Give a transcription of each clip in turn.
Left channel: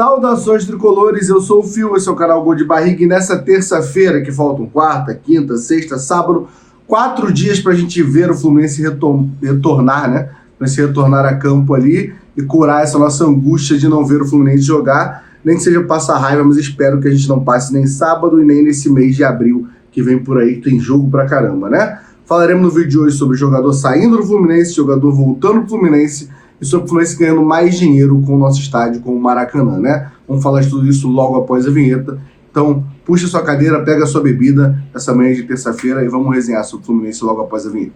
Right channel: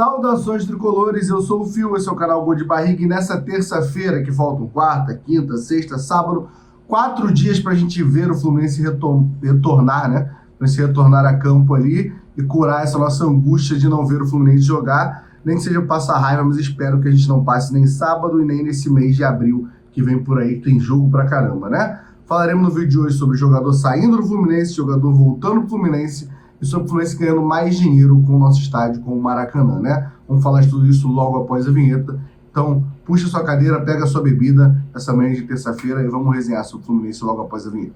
Saudações tricolores, eu sou o Fio, esse é o canal Gol de Barriga e nessa terça-feira, que faltam quarta, quinta, sexta, sábado, 4 dias para a gente ver o Fluminense retornar, né? Para se retornar a campo ali e curar essa nossa angústia de não ver o Fluminense jogar, nem que seja passar raiva, mas espero que a gente não passe nem sábado e nem nesse mês de abril que vem por aí, que tem jogo pra caramba, né? Falaremos no vídeo de hoje sobre o jogador saindo do Fluminense, jogador voltando pro Fluminense, e sobre o Fluminense ganhando mais dinheiro com o nosso estádio, com o Maracanã, né? Vamos falar de tudo isso logo após a vinheta. Então, puxa sua cadeira, pega a sua bebida, essa manhã de terça-feira, e vamos resenhar sobre o Fluminense logo após a vinheta.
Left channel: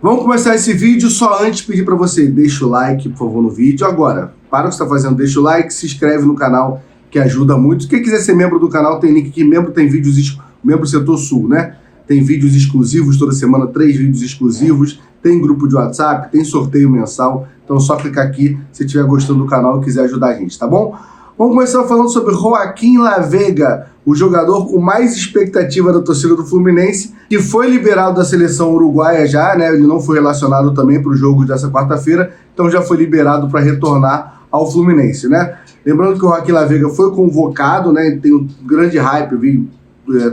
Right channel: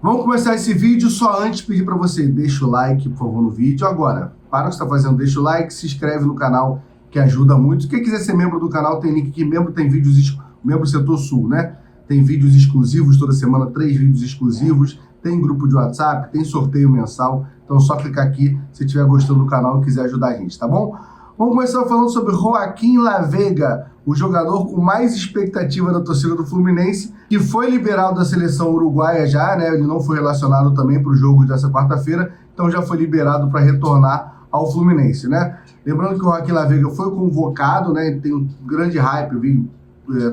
Vamos começar esse vídeo, só antes pedir para você, deixa o like, por favor, no vídeo. Agora, para o que você está fazendo, deixa o like, se inscreve no canal, que ajuda muito. Quem quiser ser membro do canal, tem link aqui, membro tem vídeos, membro Setor Sul, né? Tem vídeos exclusivos toda semana, 3 vídeos exclusivos, tem grupo de WhatsApp, tem sorteio mensal. Então é só clicar aqui se estiver gostando do canal e quiser ajudar a gente, tá bom? Vamos começar falando sobre Joaquim Laveiga, o jogador com mais expectativa da torcida do Fluminense, que foi liberado da seleção uruguaia já, né? Ele não foi relacionado também para o jogo dessa quarta-feira, então já foi liberado para retornar ao Fluminense, né? Lembrando que o Joaquim Laveiga foi convocado, né? Tem um grande hype, eu vi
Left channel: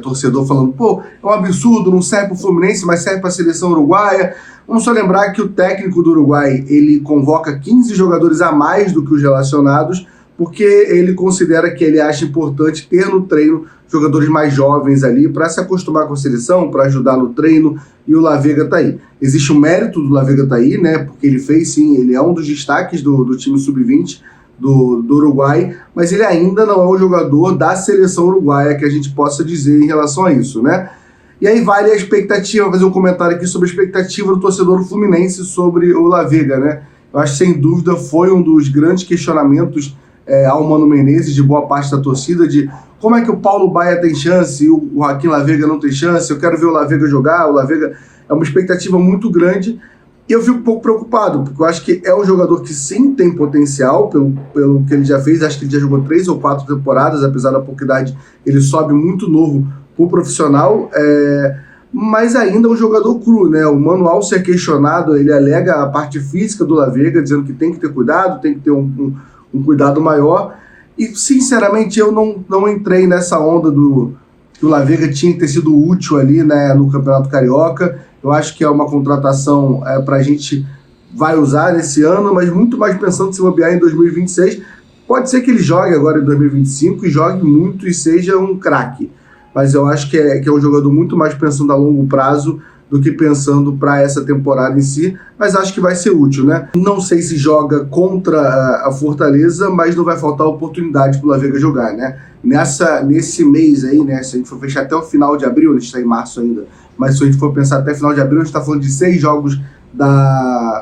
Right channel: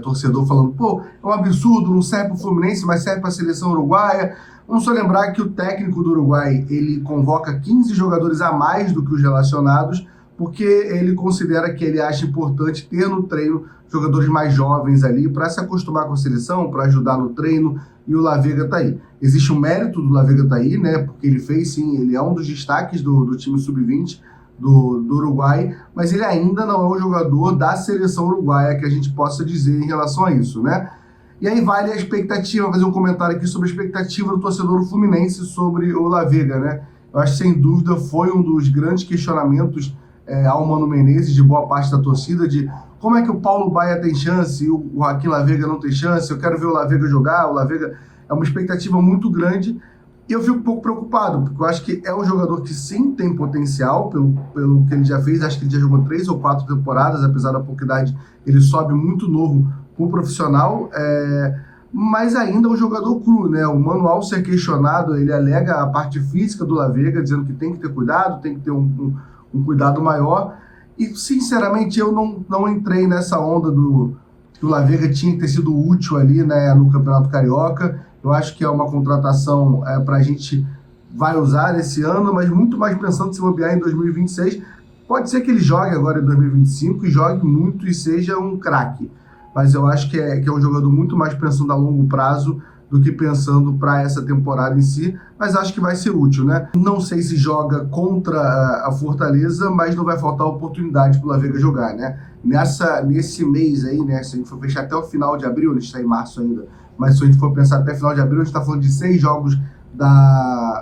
torcedor falando, pô, é um absurdo, não serve para o Fluminense, mas serve para a seleção uruguaia. Vamos só lembrar que o técnico do Uruguai, ele convoca 15 jogadores a mais do que os relacionados, porque ele considera que ele acha importante ter no treino jogadores mais jovens ali para se acostumar com a seleção, para ajudar no treino, e o Laveiga tá aí. Existe o mérito do Laveiga tá aí, né, porque ele fez sim, ele é um dos destaques do time sub-20 do Uruguai, mas ele ainda não é um jogador da seleção uruguaia que a gente possa dizer em relação a isso, né. E aí vale a expectativa, fazer um comentário aqui sobre a expectativa do torcedor do Fluminense sobre o Laveiga, né. Eu acho que sem dúvida foi um dos grandes questionamentos ao Mano Menezes, de boa parte da torcida, de como é que o Paulo Baia tem chance e o Joaquim Laveiga não tem chance, eu quero ver o Laveiga jogar, o Laveiga é uma expectativa muito grande, e eu fico um pouco preocupado, porque eu acho que é um jogador que sim tem potencial, pelo que ele já fez, acho que ele já jogou 3 ou 4 temporadas, apesar da pouca idade, ele sobe muito novo pro profissional, mas ainda é um jogador cru, né? O Mano, ao ser questionado, ele alega a parte física do Laveiga, dizendo que tem que ter cuidado, tem que ter um cuidado maior, e sinceramente eu não entrei nessa onda que o Laveiga tinha que ter sido útil ali, né, no Campeonato Carioca. Eu acho que é uma contratação para a gente vai usar nesse ano, mas muito mais pensando se bobear em 2026. Pode ser que ele jogue agora em 2025 e jogue muito e seja um craque, mas eu acho que é um jogador muito mais pensando a longo prazo do que pensando para essa temporada em si, mas acho que vai ser útil, né? Não sei se joga contra a Fortaleza, mas não vai faltar oportunidade para o Laveiga jogar, né? Nesse mês aí, né? Se a gente for fechar até o final de abril, a gente está em março ainda, mas se a gente for pensar até final de abril, a gente está falando de 6 jogos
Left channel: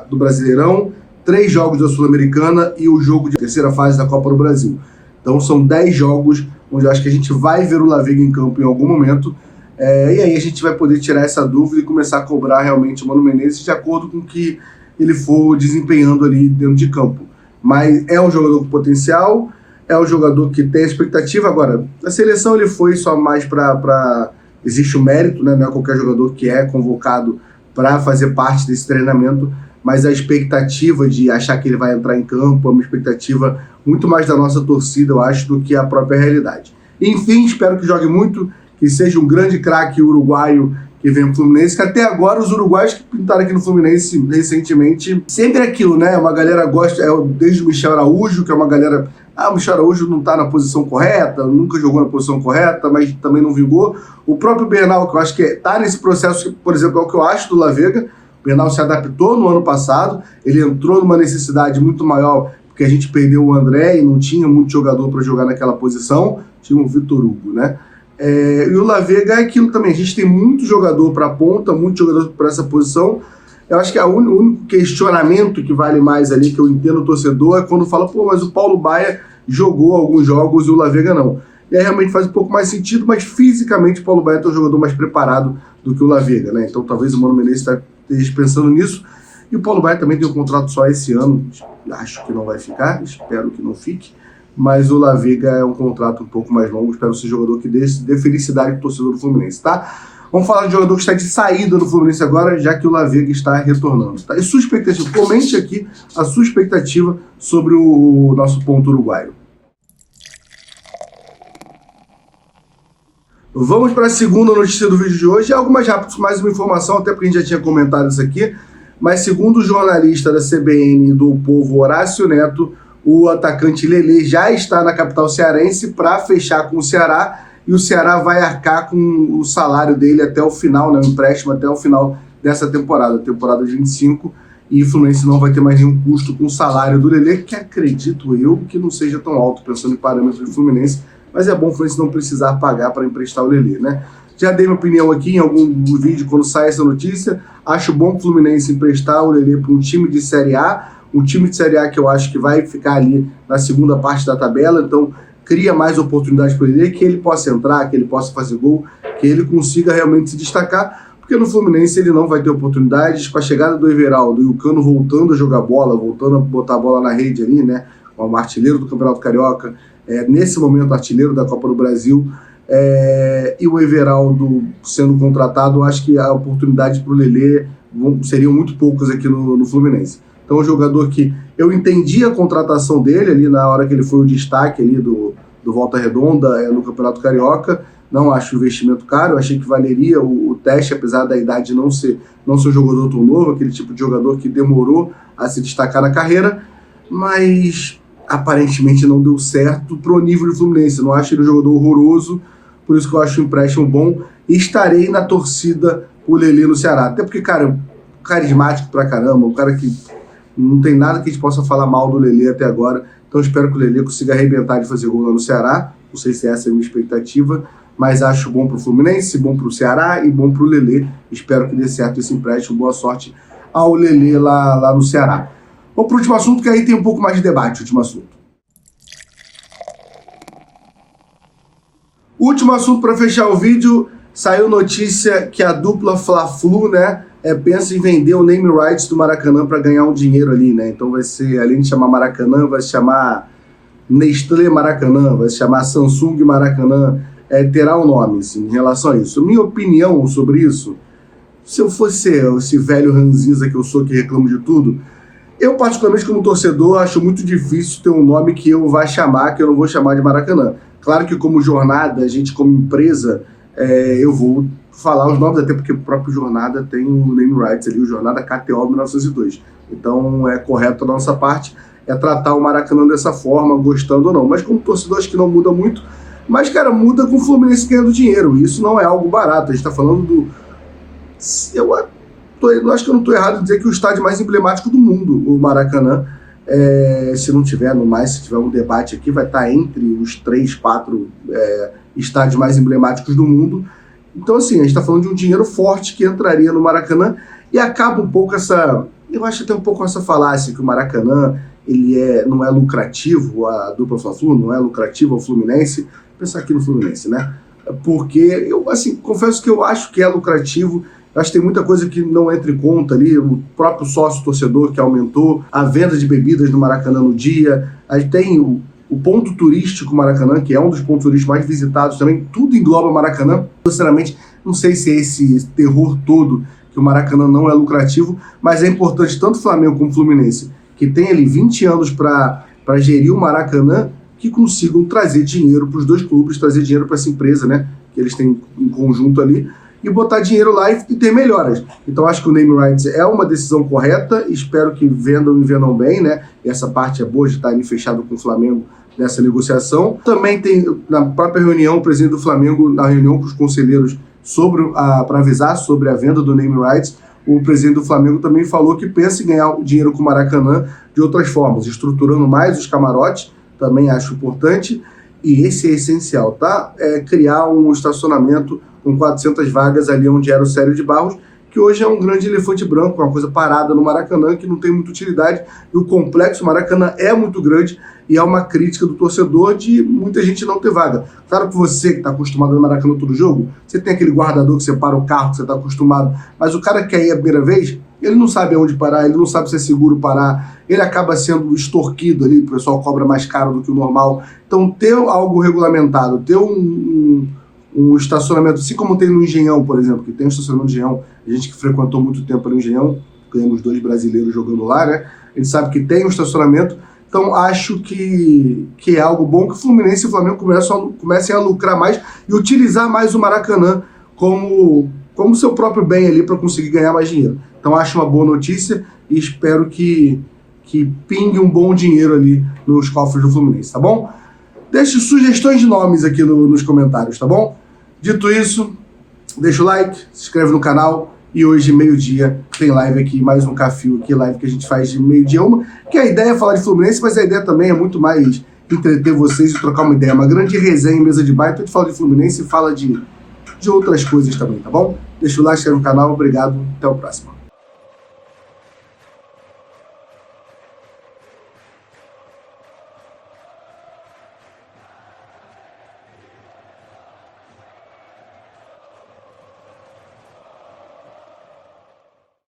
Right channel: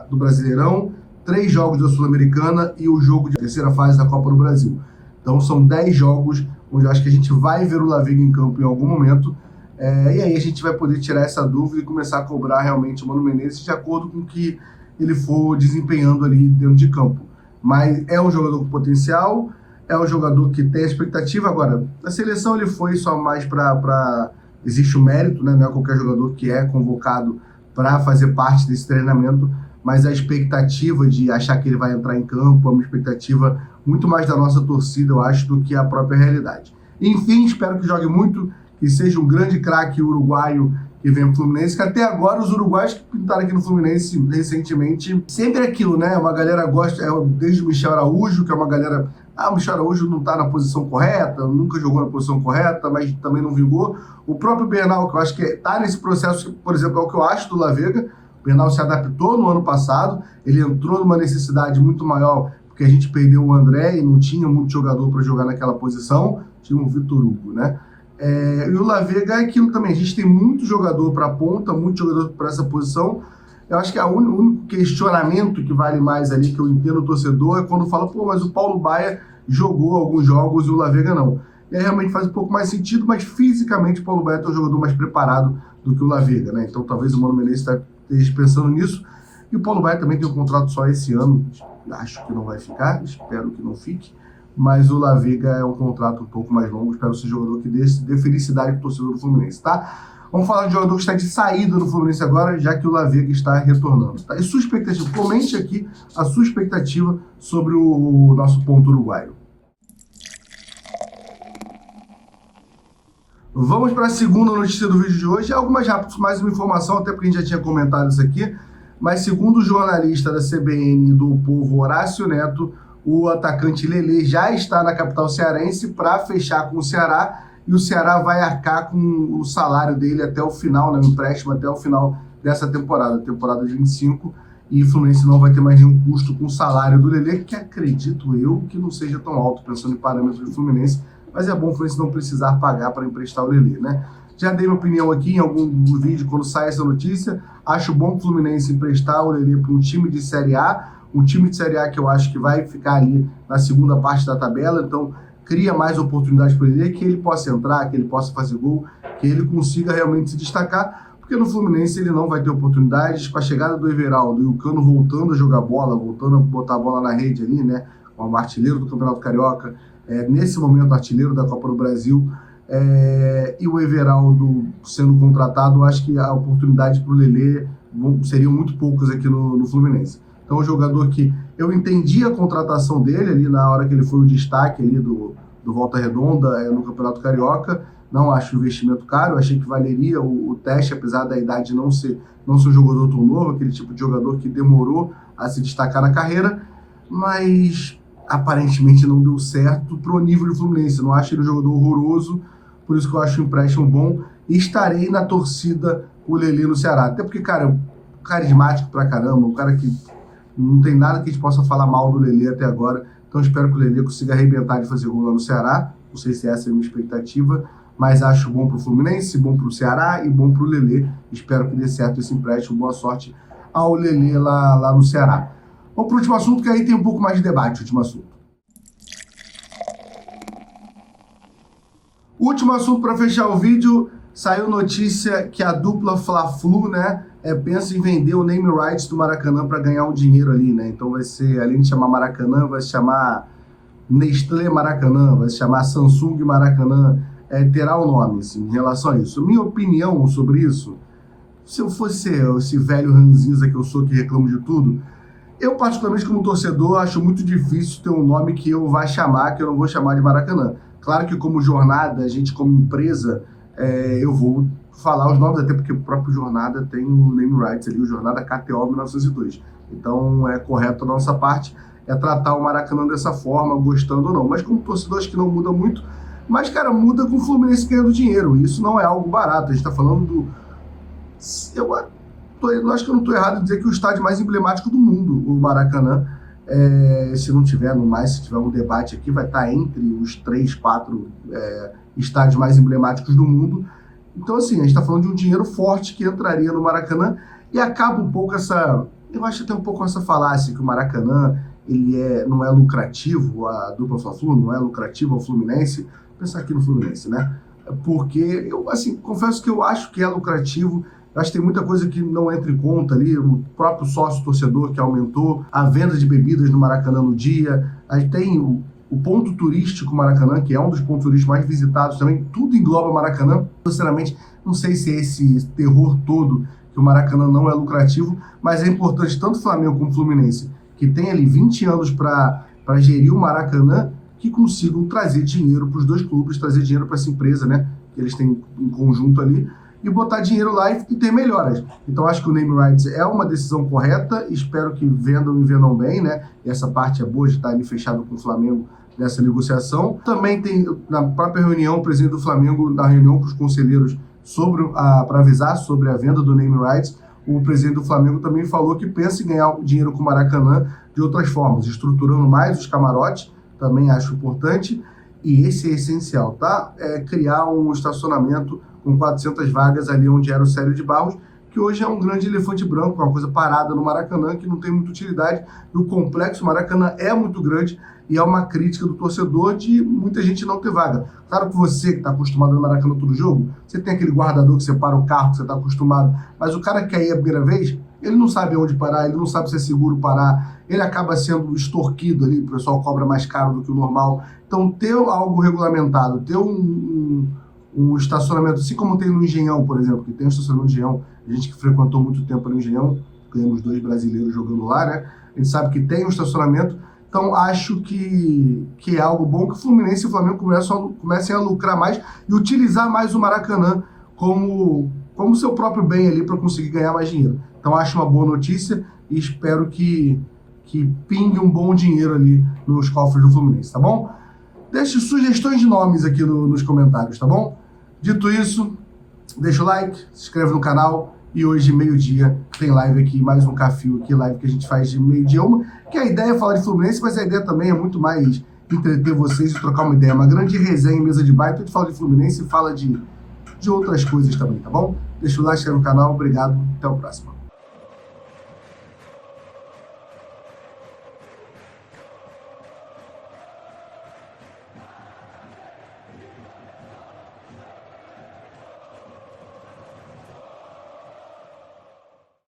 do Brasileirão, 3 jogos da Sul-Americana e o jogo de terceira fase da Copa do Brasil. Então são 10 jogos onde eu acho que a gente vai ver o Laveiga em campo em algum momento. E aí a gente vai poder tirar essa dúvida e começar a cobrar realmente o Mano Menezes de acordo com o que ele for desempenhando ali dentro de campo. Mas é um jogador com potencial, é um jogador que tem expectativa. Agora, na seleção ele foi só mais para... Existe o mérito, né? Não é qualquer jogador que é convocado para fazer parte desse treinamento, mas a expectativa de achar que ele vai entrar em campo é uma expectativa muito mais da nossa torcida, eu acho, do que a própria realidade. Enfim, espero que jogue muito, que seja um grande craque uruguaio que vem pro Fluminense, que até agora os uruguaios que pintaram aqui no Fluminense recentemente, sempre é aquilo, né? Uma galera gosta, desde o Michel Araújo, que é uma galera, o Michel Araújo não tá na posição correta, nunca jogou na posição correta, mas também não vingou. O próprio Bernal, que eu acho que tá nesse processo, por exemplo, é o que eu acho do Laveiga. O Bernal se adaptou no ano passado, ele entrou numa necessidade muito maior, porque a gente perdeu o André e não tinha muito jogador para jogar naquela posição, tinha o Vitor Hugo, né? E o Laveiga é aquilo também, a gente tem muito jogador para a ponta, muito jogador para essa posição. Eu acho que o único questionamento que vale mais ali, que eu entendo o torcedor, é quando fala, pô, mas o Paulo Baia jogou alguns jogos e o Laveiga não. E aí realmente faz um pouco mais sentido, mas fisicamente o Paulo Baia é um jogador mais preparado do que o Laveiga, né? Então talvez o Mano Menezes esteja pensando nisso. E o Paulo Baia também tem um contrato só esse ano, acho que não vai ficar, espero que não fique. Mas o Laveiga é um contrato um pouco mais longo, espero ser jogador que dê felicidade pro torcedor do Fluminense, tá? Vamos falar de jogador que está de saída do Fluminense agora, já que o Lavega está retornando. Tá? E sua expectativa? Comente aqui a sua expectativa sobre o nosso ponto uruguaio. Vamos para a segunda notícia do vídeo de hoje. Algo mais uma informação, até porque a gente já tinha comentado isso aqui, mas segundo o jornalista da CBN do Povo, Horácio Neto, o atacante Lelê já está na capital cearense para fechar com o Ceará, e o Ceará vai arcar com o salário dele até o final, né, o empréstimo até o final dessa temporada de 25, e o Fluminense não vai ter mais nenhum custo com o salário do Lelê, que acredito eu que não seja tão alto, pensando em parâmetros do Fluminense, mas é bom o Fluminense não precisar pagar para emprestar o Lelê, né? Já dei minha opinião aqui em algum vídeo quando sai essa notícia. Acho bom o Fluminense emprestar o Lelê para um time de Série A, um time de Série A que eu acho que vai ficar ali na segunda parte da tabela, então cria mais oportunidades para ele, que ele possa entrar, que ele possa fazer gol, que ele consiga realmente se destacar, porque no Fluminense ele não vai ter oportunidades. Com a chegada do Everaldo e o Cano voltando a jogar bola, voltando a botar a bola na rede ali, né, como artilheiro do Campeonato Carioca, nesse momento artilheiro da Copa do Brasil, e o Everaldo sendo contratado, eu acho que a oportunidade para o Lelê seriam muito poucas aqui no Fluminense. Então, um jogador que eu entendi a contratação dele ali na hora que ele foi o destaque ali do Volta Redonda no Campeonato Carioca. Não acho o investimento caro, achei que valeria o teste, apesar da idade não ser um jogador tão novo, aquele tipo de jogador que demorou a se destacar na carreira, mas aparentemente não deu certo pro nível do Fluminense. Não acho ele um jogador horroroso, por isso que eu acho o empréstimo bom, e estarei na torcida o Lelê no Ceará. Até porque, cara, carismático pra caramba, um cara que não tem nada que a gente possa falar mal do Lelê até agora, então espero que o Lelê consiga arrebentar de fazer gol lá no Ceará. Não sei se essa é a minha expectativa, mas acho bom pro Fluminense, bom pro Ceará e bom pro Lelê. Espero que dê certo esse empréstimo. Boa sorte ao Lelê lá no Ceará. Vamos pro último assunto, que aí tem um pouco mais de debate, último assunto. Último assunto para fechar o vídeo, saiu notícia que a dupla Fla-Flu, né, pensa em vender o name rights do Maracanã para ganhar um dinheiro ali, né? Então vai ser, além de chamar Maracanã, vai se chamar Nestlé Maracanã, vai se chamar Samsung Maracanã, terá um nome, assim, em relação a isso. Minha opinião sobre isso, se eu fosse esse velho ranzinza que eu sou, que reclamo de tudo, eu particularmente como torcedor acho muito difícil ter um nome que eu vá chamar, que eu não vou chamar de Maracanã. Claro que como Jornada, a gente como empresa, eu vou falar os nomes, até porque o próprio Jornada tem o name rights ali, o Jornada KTO 1902. Então é correto da nossa parte tratar o Maracanã dessa forma, gostando ou não. Mas como torcedor acho que não muda muito, mas cara, muda com o Fluminense ganhando dinheiro, e isso não é algo barato. A gente tá falando do... Eu acho que eu não estou errado em dizer que o estádio mais emblemático do mundo, o Maracanã, se não tiver, no mais, se tiver um debate aqui, vai estar entre os 3, 4 estádios mais emblemáticos do mundo. Então, assim, a gente está falando de um dinheiro forte que entraria no Maracanã, e acaba um pouco eu acho até um pouco essa falácia que o Maracanã não é lucrativo, a dupla Fla-Flu não é lucrativo ao Fluminense. Pensar aqui no Fluminense, né? Porque eu, assim, confesso que eu acho que é lucrativo. Eu acho que tem muita coisa que não entra em conta ali, o próprio sócio-torcedor que aumentou, a venda de bebidas no Maracanã no dia, aí tem o ponto turístico Maracanã, que é um dos pontos turísticos mais visitados também, tudo engloba Maracanã. Sinceramente, não sei se é esse terror todo que o Maracanã não é lucrativo, mas é importante tanto Flamengo como Fluminense, que tem ali 20 anos para gerir o Maracanã, que consigam trazer dinheiro para os dois clubes, trazer dinheiro para essa empresa, né, que eles têm em conjunto ali, e botar dinheiro lá e ter melhoras. Então acho que o name rights é uma decisão correta, espero que vendam e vendam bem, né? E essa parte é boa de estar ali fechado com o Flamengo nessa negociação. Também tem, na própria reunião, o presidente do Flamengo, na reunião com os conselheiros para avisar sobre a venda do name rights, o presidente do Flamengo também falou que pensa em ganhar dinheiro com o Maracanã de outras formas, estruturando mais os camarotes, também acho importante, e esse é essencial, tá? Criar um estacionamento com 400 vagas ali onde era o Célio de Barros, que hoje é um grande elefante branco, uma coisa parada no Maracanã, que não tem muita utilidade, e o complexo Maracanã é muito grande, e é uma crítica do torcedor de muita gente não ter vaga. Claro que você que está acostumado no Maracanã todo jogo, você tem aquele guardador que separa o carro, que você está acostumado, mas o cara que quer ir a primeira vez, ele não sabe aonde parar, ele não sabe se é seguro parar, ele acaba sendo extorquido ali, o pessoal cobra mais caro do que o normal. Então ter algo regulamentado, ter um estacionamento, assim como tem no Engenhão, por exemplo, que tem um estacionamento do Engenhão, a gente que frequentou muito tempo no Engenhão, ganhamos 2 brasileiros jogando lá, né? A gente sabe que tem um estacionamento, então acho que é algo bom que o Fluminense e o Flamengo comecem a lucrar mais e utilizar mais o Maracanã como seu próprio bem ali para conseguir ganhar mais dinheiro. Então acho uma boa notícia e espero que pingue um bom dinheiro ali nos cofres do Fluminense, tá bom? Deixe sugestões de nomes aqui nos comentários, tá bom? Dito isso, deixa o like, se inscreve no canal e hoje, meio-dia, tem live aqui, mais um Cafio aqui, live que a gente faz de meio-dia uma, que a ideia é falar de Fluminense, mas a ideia também é muito mais entreter vocês e trocar uma ideia, uma grande resenha em mesa de bar, então a gente fala de Fluminense e fala de outras coisas também, tá bom? Deixa o like, se inscreve no canal, obrigado, até o próximo.